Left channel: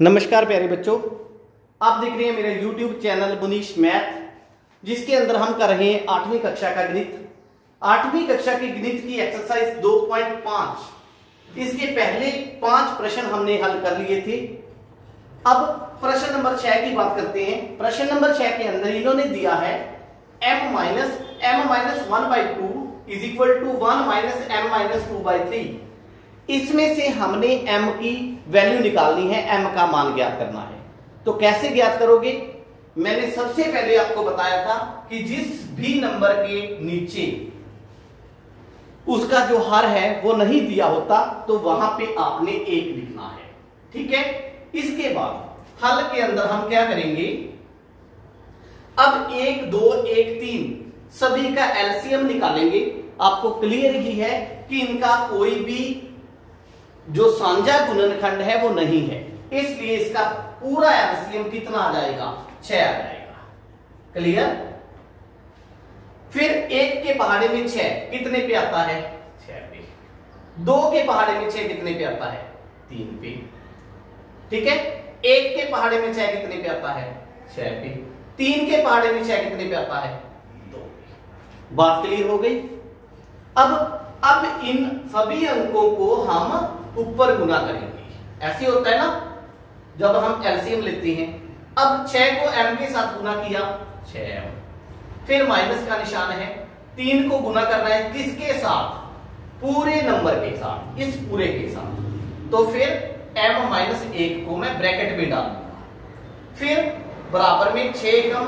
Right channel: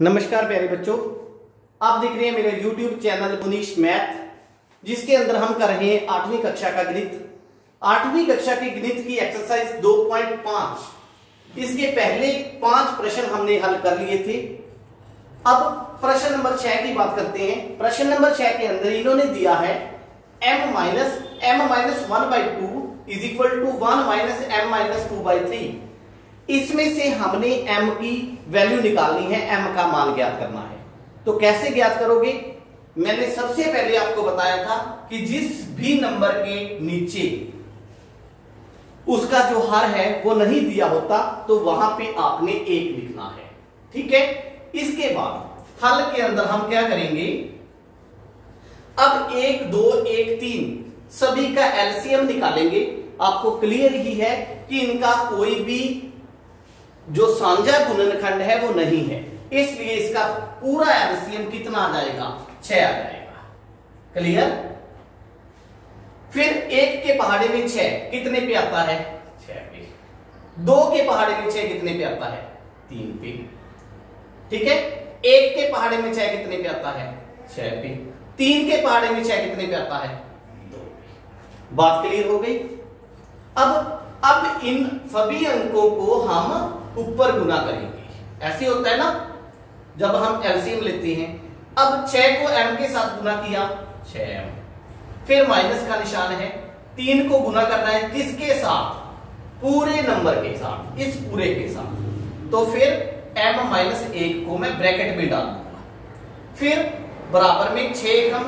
नमस्कार प्यारे बच्चों, आप देख रहे हैं मेरे YouTube चैनल मुनीश मैथ, जिसके अंदर हम कर रहे हैं 8वीं कक्षा का गणित। 8वीं कक्षा की गणित की एक्सरसाइज 2.5 इसके पहले 5 प्रश्न हमने हल कर लिए थे। अब प्रश्न नंबर 6 की बात करते हैं। प्रश्न नंबर 6 के अंदर इन्होंने दिया है m-1/2 is equal to 1-m-2/3। इसमें से हमने m की वैल्यू निकालनी है, m का मान ज्ञात करना है। तो कैसे ज्ञात करोगे? मैंने सबसे पहले आपको बताया था कि जिस भी नंबर के नीचे उसका जो हर है वो नहीं दिया होता तो वहां पे आपने 1 लिखना है। ठीक है। इसके बाद हल के अंदर हम क्या करेंगे, अब 1, 2, 1, 3 सभी का एलसीएम निकालेंगे। आपको क्लियर ही है कि इनका कोई भी जो साझा गुणनखंड है वो नहीं है, इसलिए इसका पूरा एलसीएम कितना आ जाएगा? 6 आ जाएगा। क्लियर। फिर 1 के पहाड़े में 6 कितने पे आता है? 6 पे। 2 के पहाड़े में 6 कितने पे आता है? 3 पे। ठीक है। 1 के पहाड़े में 6 कितने पे आता है? 6 पे। 3 के पहाड़े में 6 कितने पे आता है? 2 पे। बात क्लियर हो गई। अब इन सभी अंकों को हम ऊपर गुना करेंगे। ऐसे होता है ना जब हम एलसीएम लेते हैं। अब 6 को m के साथ गुना किया, 6m। फिर माइनस का निशान है। 3 को गुना करना है किसके साथ? पूरे नंबर के साथ, इस पूरे के साथ। तो फिर m-1 को मैं ब्रैकेट में डाल दूंगा। फिर बराबर में 6 कम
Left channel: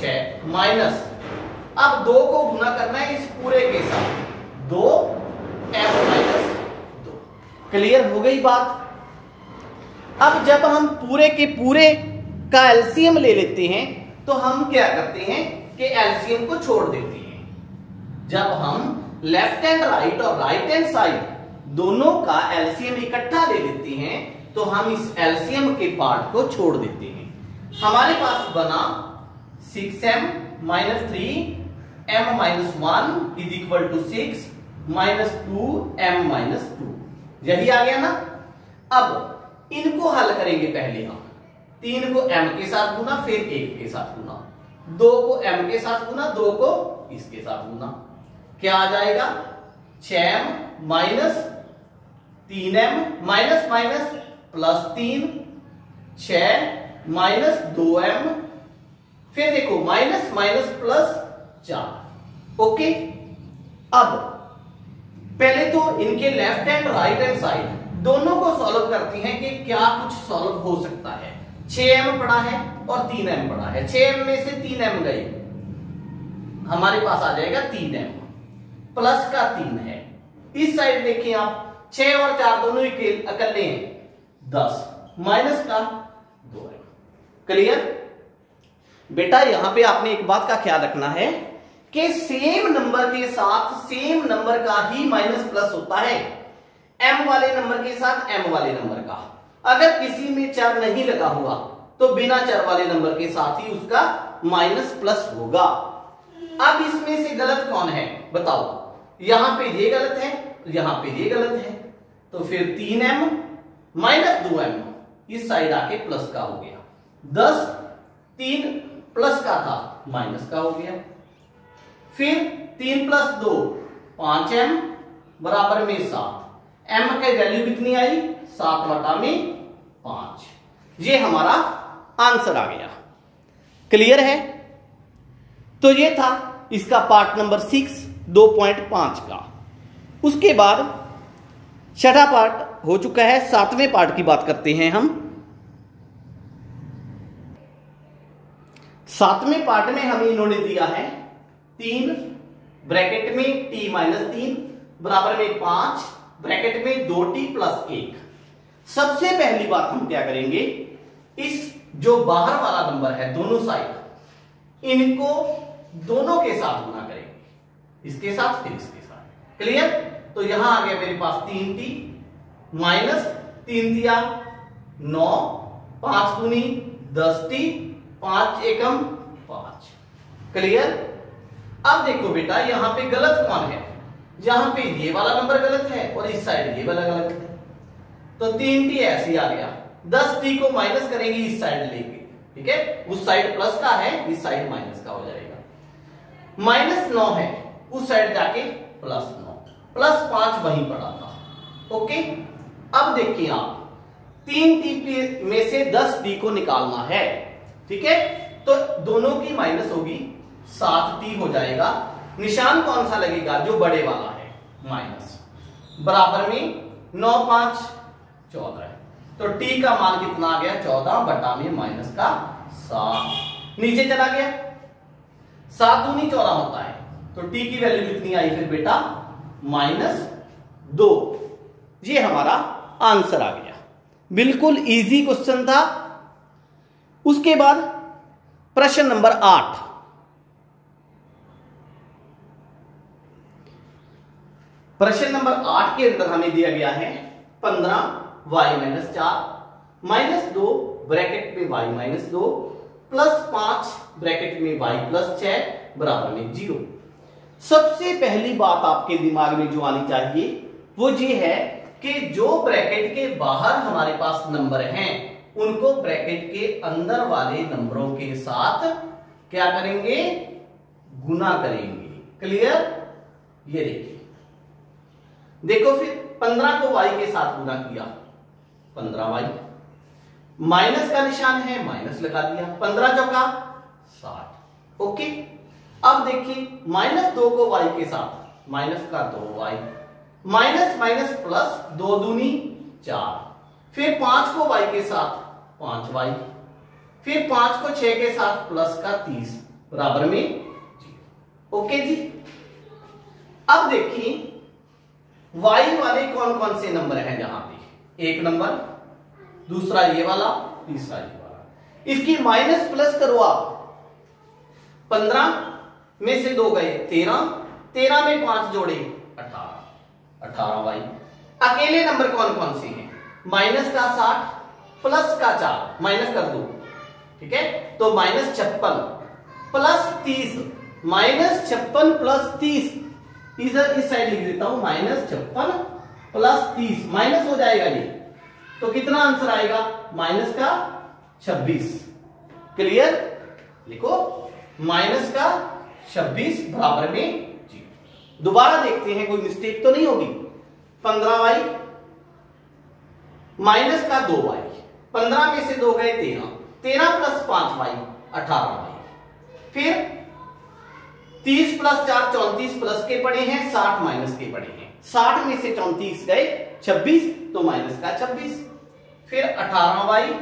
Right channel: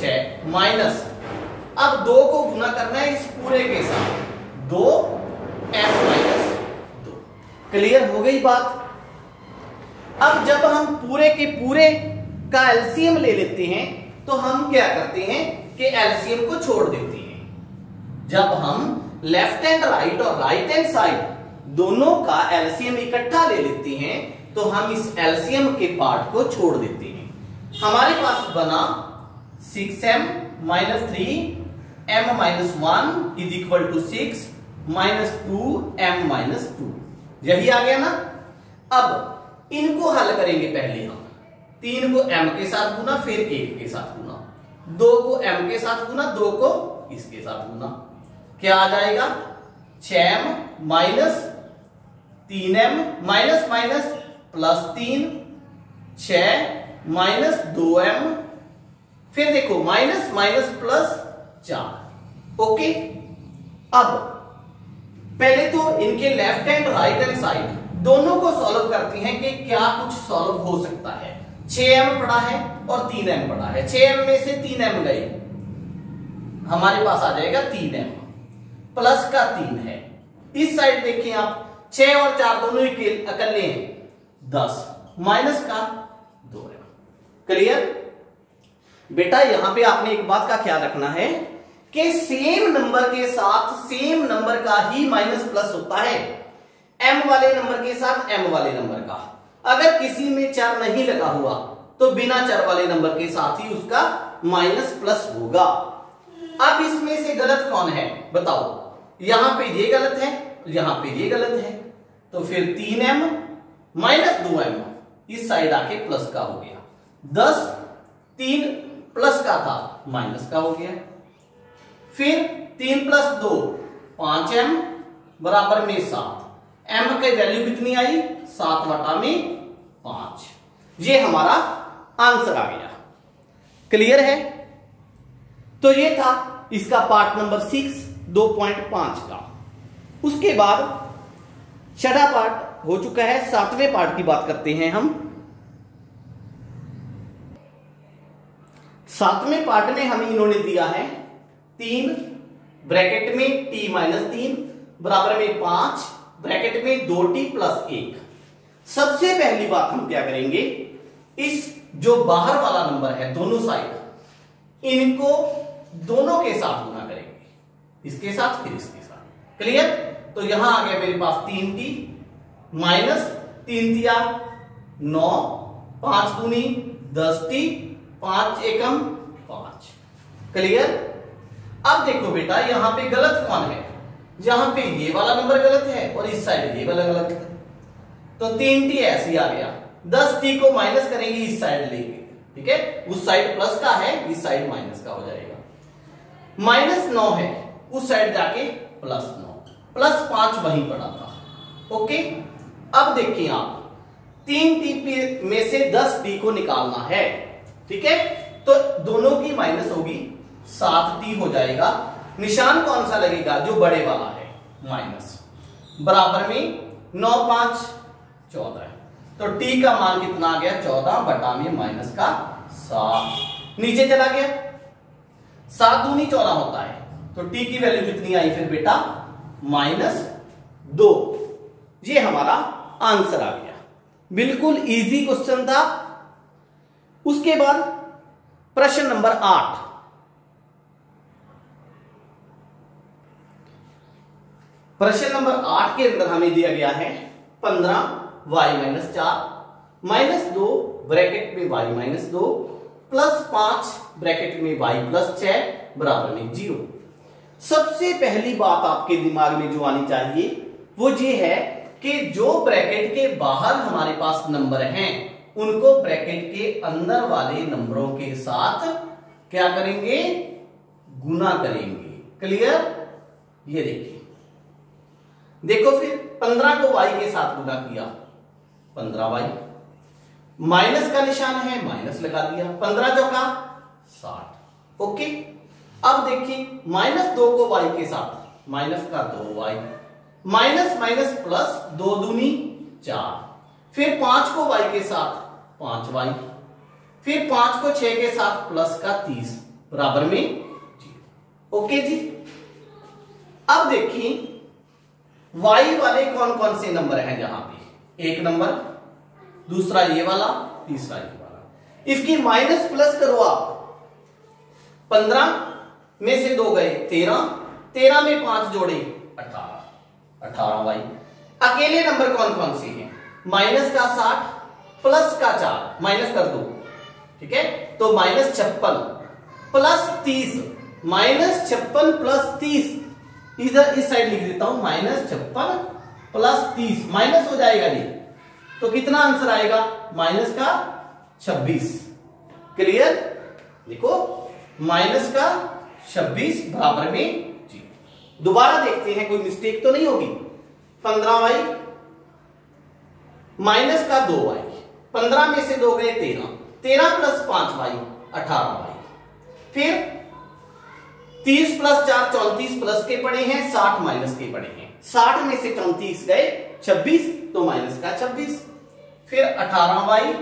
6 माइनस, अब 2 को गुना करना है इस पूरे के साथ, 2m-2। क्लियर हो गई बात। अब जब हम पूरे के पूरे का एलसीएम ले लेते हैं तो हम क्या करते हैं कि एलसीएम को छोड़ देते हैं। जब हम लेफ्ट हैंड राइट और राइट हैंड साइड दोनों का एलसीएम इकट्ठा ले लेते हैं तो हम इस एलसीएम के पार्ट को छोड़ देते हैं। हमारे पास बना 6m-3m-1 is equal to 6 -2m-2। यही आ गया ना। अब इनको हल करेंगे। पहले हम 3 को m के साथ गुना, फिर 1 के साथ गुना, 2 को m के साथ गुना, 2 को इसके साथ गुना। क्या आ जाएगा? 6m minus 3m minus minus plus 3, 6 minus 2m, फिर देखो माइनस माइनस प्लस 4। ओके। अब पहले तो इनके left hand right hand side दोनों को सॉल्व करते हैं कि क्या कुछ सॉल्व हो सकता है। 6m पड़ा है और 3m पड़ा है। 6m में से 3m गए, हमारे पास आ जाएगा 3m। प्लस का 3 है। इस साइड देखिए आप, 6 और 4 दोनों अकेले हैं, 10 माइनस का 2m। क्लियर। बेटा यहां पे आपने एक बात का ख्याल रखना है कि सेम नंबर के साथ सेम नंबर का ही माइनस प्लस होता है। m वाले नंबर के साथ m वाले नंबर का। अगर किसी में चर नहीं लगा हुआ तो बिना चर वाले नंबर के साथ ही उसका माइनस प्लस होगा। अब इसमें से गलत कौन है बताओ? यहां पे ये गलत है, यहां पे ये गलत है, तो फिर 3m माइनस 2m इस साइड आके प्लस का हो गया। 10 3 प्लस का था, माइनस का हो गया। फिर 3 प्लस 2 5m बराबर में 7। m की वैल्यू कितनी आई? 7/5। ये हमारा आंसर आ गया। क्लियर है। तो ये था इसका पार्ट नंबर 6 2.5 का। उसके बाद छठा पार्ट हो चुका है। 7वें पार्ट की बात करते हैं हम। 7वें पार्ट में हमें इन्होंने दिया है 3 ब्रैकेट में t-3 बराबर में 5 ब्रैकेट में 2t प्लस 1। सबसे पहली बात हम क्या करेंगे, इस जो बाहर वाला नंबर है दोनों साइड इनको दोनों के साथ गुना करेंगे, इसके साथ फिर इसके साथ। क्लियर। तो यहां आ गया मेरे पास 3t माइनस 3 दिया 9, 5 दूनी 10t, 5 एकम 5। क्लियर। अब देखो बेटा यहां पे गलत कौन है? यहां पे ये वाला नंबर गलत है और इस साइड ये वाला गलत है, तो 3t ऐसे आ गया। 10t को माइनस करेंगे इस साइड लेके, ठीक है, उस साइड प्लस का है, इस साइड माइनस का हो जाएगा। -9 है, उस साइड जाके +9, +5 वहीं पड़ा था। ओके, अब देखिए आप 3t में से 10t को निकालना है, ठीक है, तो दोनों की माइनस होगी, 7t हो जाएगा। निशान कौन सा लगेगा? जो बड़े वाला है, माइनस, बराबर में 9 5 14 है, तो t का मान कितना आ गया? 14 बटा में माइनस का 7, नीचे चला गया, 7 दूनी 14 होता है, तो t की वैल्यू कितनी आई फिर बेटा? -2। ये हमारा आंसर आ गया। बिल्कुल इजी क्वेश्चन था। उसके बाद प्रश्न नंबर 8, प्रश्न नंबर 8 के अंदर हमें दिया गया है 15y-4 -2 ब्रैकेट में y-2 +5 ब्रैकेट में y+6 बराबर में 0। सबसे पहली बात आपके दिमाग में जो आनी चाहिए वो ये है कि जो ब्रैकेट के बाहर हमारे पास नंबर हैं उनको ब्रैकेट के अंदर वाले नंबरों के साथ क्या करेंगे? गुना करेंगे। क्लियर? ये देखिए, देखो फिर 15 को y के साथ गुना किया, 15y, माइनस का निशान है, माइनस लगा दिया, 15 चौका 60। ओके, अब देखिए -2 को y के साथ, माइनस का 2y, माइनस माइनस प्लस, 2 दूनी 4, फिर 5 को y के साथ 5y, फिर 5 को 6 के साथ प्लस का 30 बराबर में 0। ओके जी, अब देखिए y वाले कौन कौन से नंबर हैं? जहां पे एक नंबर, दूसरा ये वाला, तीसरा ये वाला। इसकी माइनस प्लस करो आप, 15 में से 2 गए 13, 13 में 5 जोड़े 18, 18y। अकेले नंबर कौन कौन से हैं? माइनस का 60 प्लस का 4, माइनस कर दो, ठीक है, तो -56 प्लस 30, -56 प्लस 30, इधर इस साइड लिख देता हूं, -56 प्लस 30, माइनस हो जाएगा ये, तो कितना आंसर आएगा? माइनस का 26। क्लियर? देखो माइनस का 26 बराबर में 0। दोबारा देखते हैं कोई मिस्टेक तो नहीं होगी। 15y माइनस का 2y, 15 में से 2 गए 13, 13 प्लस 5y 18y, फिर 30 प्लस 4 34 प्लस के पड़े हैं, 60 माइनस के पड़े हैं, 60 में से 34 गए 26, तो माइनस का 26, फिर 18y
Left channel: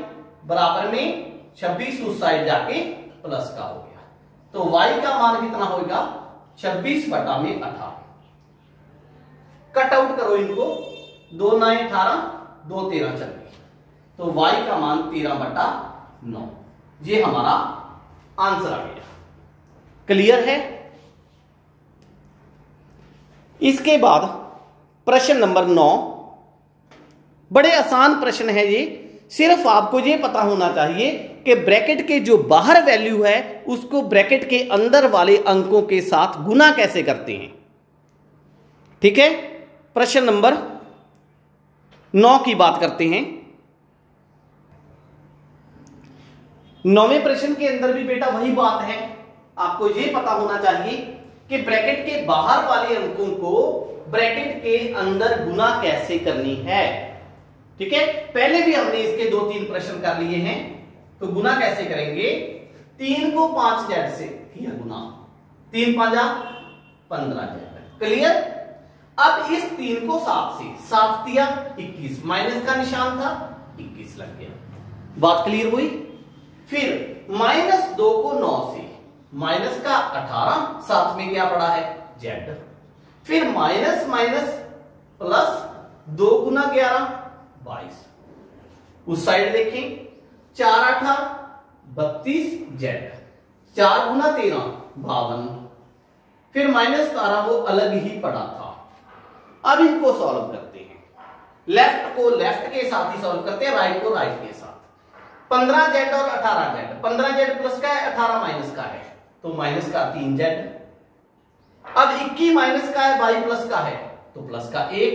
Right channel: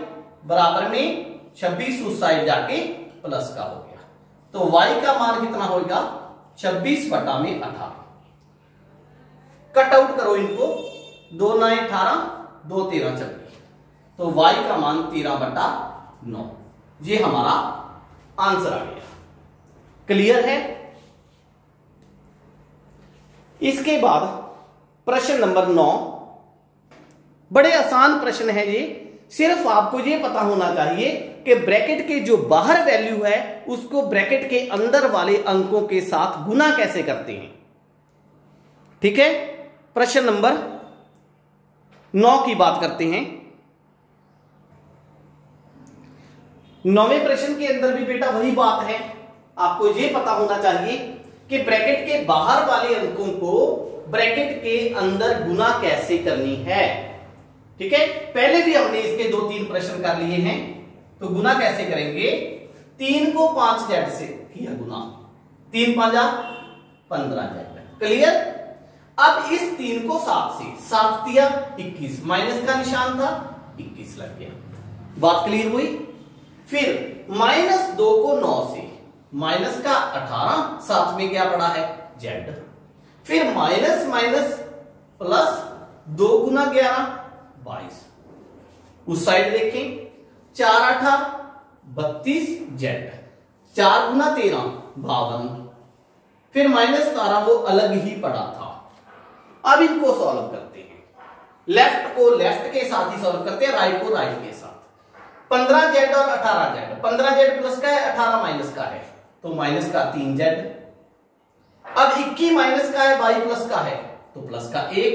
बराबर में 26 उस साइड जाके प्लस का हो गया, तो y का मान कितना होगा? 26 बटा में 18। कट आउट करो इनको, 2 9 18, 2 13 26, तो y का मान 13 बटा 9। ये हमारा आंसर आ गया। क्लियर है? इसके बाद प्रश्न नंबर 9, बड़े आसान प्रश्न है ये। सिर्फ आपको ये पता होना चाहिए कि ब्रैकेट के जो बाहर वैल्यू है उसको ब्रैकेट के अंदर वाले अंकों के साथ गुना कैसे करते हैं। ठीक है, प्रश्न नंबर 9 की बात करते हैं। 9वें प्रश्न के अंदर भी बेटा वही बात है, आपको ये पता होना चाहिए कि ब्रैकेट के बाहर वाले अंकों को ब्रैकेट के अंदर गुना कैसे करनी है। ठीक है, पहले भी हमने इसके 2-3 प्रश्न कर लिए हैं, तो गुना कैसे करेंगे? 3 को 5z से किया गुना, 3 5 15z। क्लियर? अब इस 3 को 7 से, 7 दिया 21, माइनस का निशान था 21 लग गया। बात क्लियर हुई? फिर -2 को 9 से, माइनस का 18, साथ में क्या पड़ा है? z। फिर माइनस माइनस प्लस 2 गुना 11 22, उस साइड देखें, 4 8 32 z, 4 गुना 13 52, फिर -12 वो अलग ही पड़ा था। अब इनको सॉल्व करते हैं, लेफ्ट को लेफ्ट के साथ ही सॉल्व करते हैं, राइट को राइट के साथ। 15z और 18z, 15z प्लस का है, 18 माइनस का है, तो माइनस का 3z। अब 21 माइनस का है, y प्लस का है, तो प्लस का 1,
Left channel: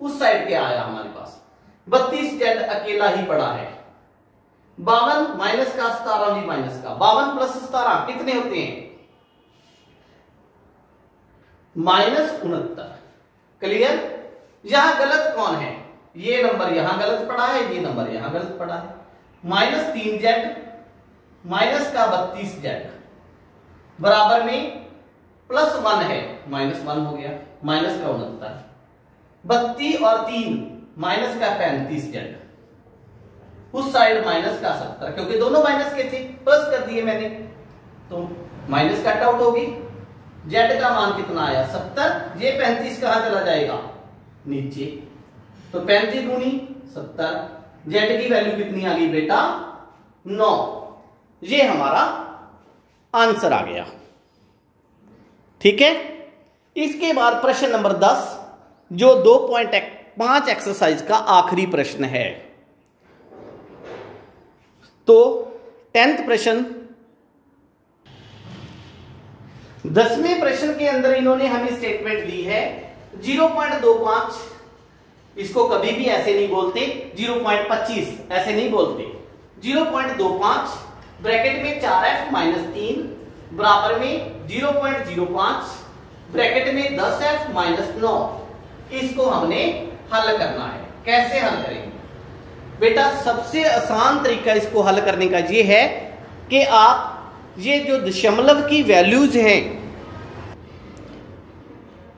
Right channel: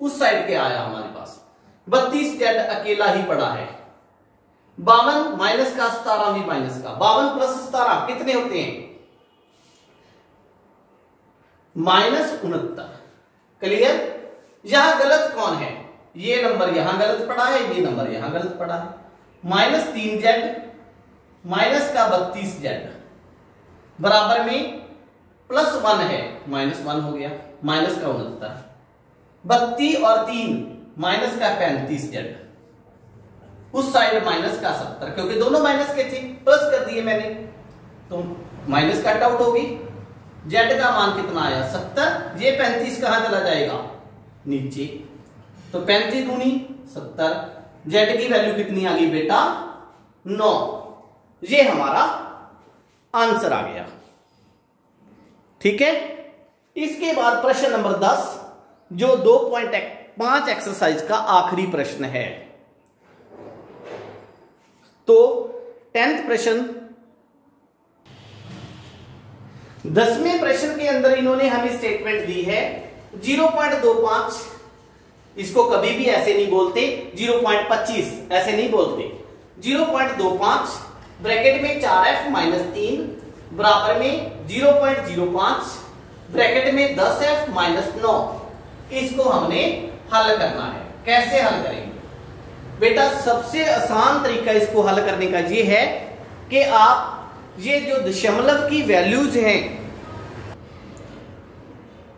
उस साइड के आया हमारे पास 32z अकेला ही पड़ा है। 52 माइनस का 17 भी माइनस का, 52 प्लस 17 कितने होते हैं? -69। क्लियर? यहां गलत कौन है? ये नंबर यहां गलत पड़ा है, ये नंबर यहां गलत पड़ा है। -3z माइनस का 32z बराबर में +1 है, -1 हो गया, माइनस का 69। 32 और 3 माइनस का 35z, उस साइड माइनस का 70, क्योंकि दोनों माइनस के थे, प्लस कर दिए मैंने, तो माइनस कट आउट होगी। z का मान कितना आया? 70। ये 35 कहां चला जाएगा? नीचे, तो 35 दूनी 70। z की वैल्यू कितनी आ गई बेटा? 9। ये हमारा आंसर आ गया। ठीक है। इसके बाद प्रश्न नंबर 10, जो 2.5 एक्सरसाइज का आखिरी प्रश्न है। तो 10th प्रश्न, 10वें प्रश्न के अंदर इन्होंने हमें स्टेटमेंट दी है 0.25, इसको कभी भी ऐसे नहीं बोलते, 0.25 ऐसे नहीं बोलते, 0.25 ब्रैकेट में 4f माइनस 3 बराबर में 0.05 ब्रैकेट में 10f माइनस 9। इसको हमने हल करना है। कैसे हल करेंगे बेटा? सबसे आसान तरीका इसको हल करने का ये है कि आप ये जो दशमलव की वैल्यूज हैं,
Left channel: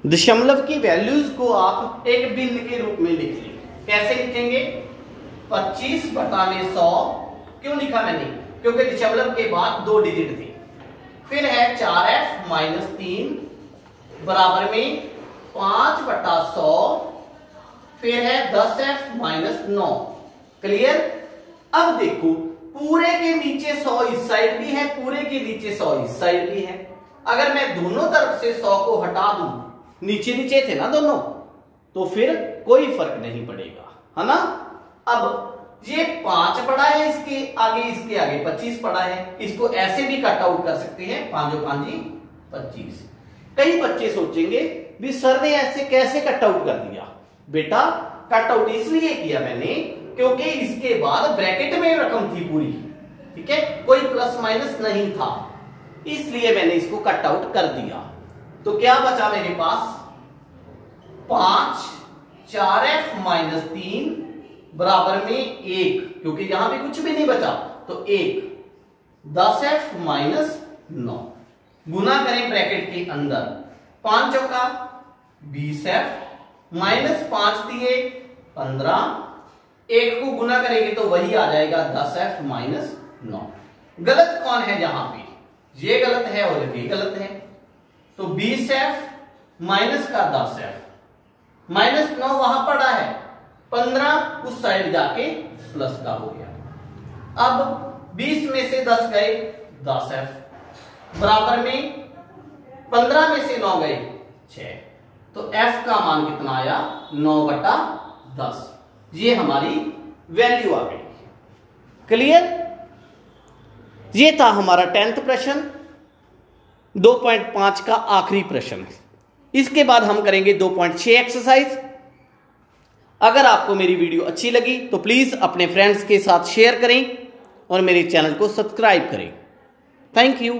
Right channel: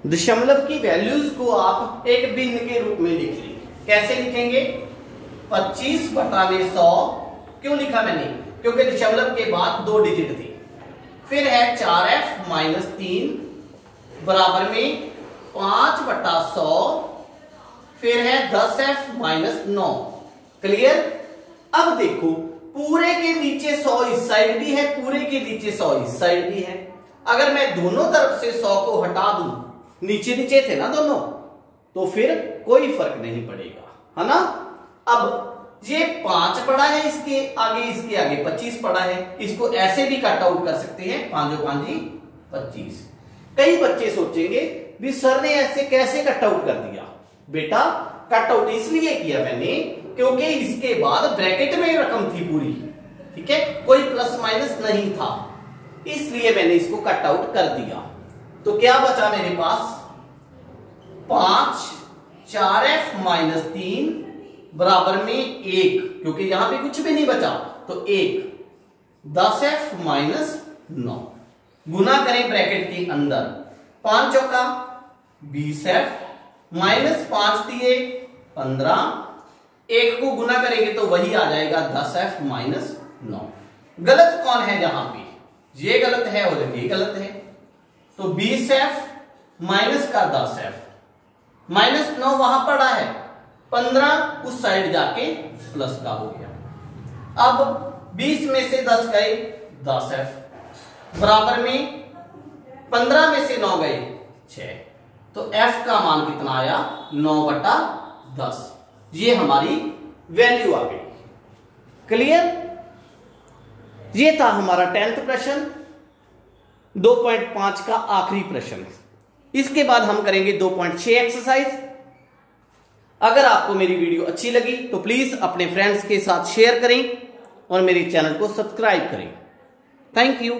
दशमलव की वैल्यूज को आप एक भिन्न के रूप में लिख लेंगे। कैसे लिखेंगे? 25/100। क्यों लिखा मैंने? क्योंकि दशमलव के बाद 2 डिजिट थे। फिर है 4f माइनस 3 बराबर में 5/100, फिर है 10f माइनस 9। क्लियर? अब देखो, पूरे के नीचे 100 इस साइड भी है, पूरे के नीचे 100 इस साइड भी है। अगर मैं दोनों तरफ से 100 को हटा दूं, नीचे नीचे थे ना दोनों, तो फिर कोई फर्क नहीं पड़ेगा, है ना। अब ये 5 पड़ा है, इसके आगे 25 पड़ा है, इसको ऐसे भी कट आउट कर सकते हैं, 5 और 5 25। कई बच्चे सोचेंगे भी सर ने ऐसे कैसे कट आउट कर दिया? बेटा कट आउट इसलिए किया मैंने क्योंकि इसके बाद ब्रैकेट में रकम थी पूरी, ठीक है, कोई प्लस माइनस नहीं था, इसलिए मैंने इसको कट आउट कर दिया। तो क्या बचा मेरे पास? 5 4f माइनस 3 बराबर में 1, क्योंकि यहां पे कुछ भी नहीं बचा, तो 1 10f माइनस 9। गुना करें ब्रैकेट के अंदर, 5 चौका 20f माइनस 5 दिए 15, 1 को गुना करेंगे तो वही आ जाएगा 10f माइनस 9। गलत कौन है यहां पे? ये गलत है और ये गलत है, तो 20f माइनस का 10f माइनस 9 वहां पड़ा है, 15 उस साइड जाके प्लस का हो गया। अब 20 में से 10 गए 10f बराबर में 15 में से 9 गए 6, तो f का मान कितना आया? 9/10। ये हमारी वैल्यू आ गई। क्लियर? ये था हमारा 10th प्रश्न, 2.5 का आखिरी प्रश्न। इसके बाद हम करेंगे 2.6 एक्सरसाइज। अगर आपको मेरी वीडियो अच्छी लगी तो प्लीज अपने फ्रेंड्स के साथ शेयर करें और मेरे चैनल को सब्सक्राइब करें। Thank you.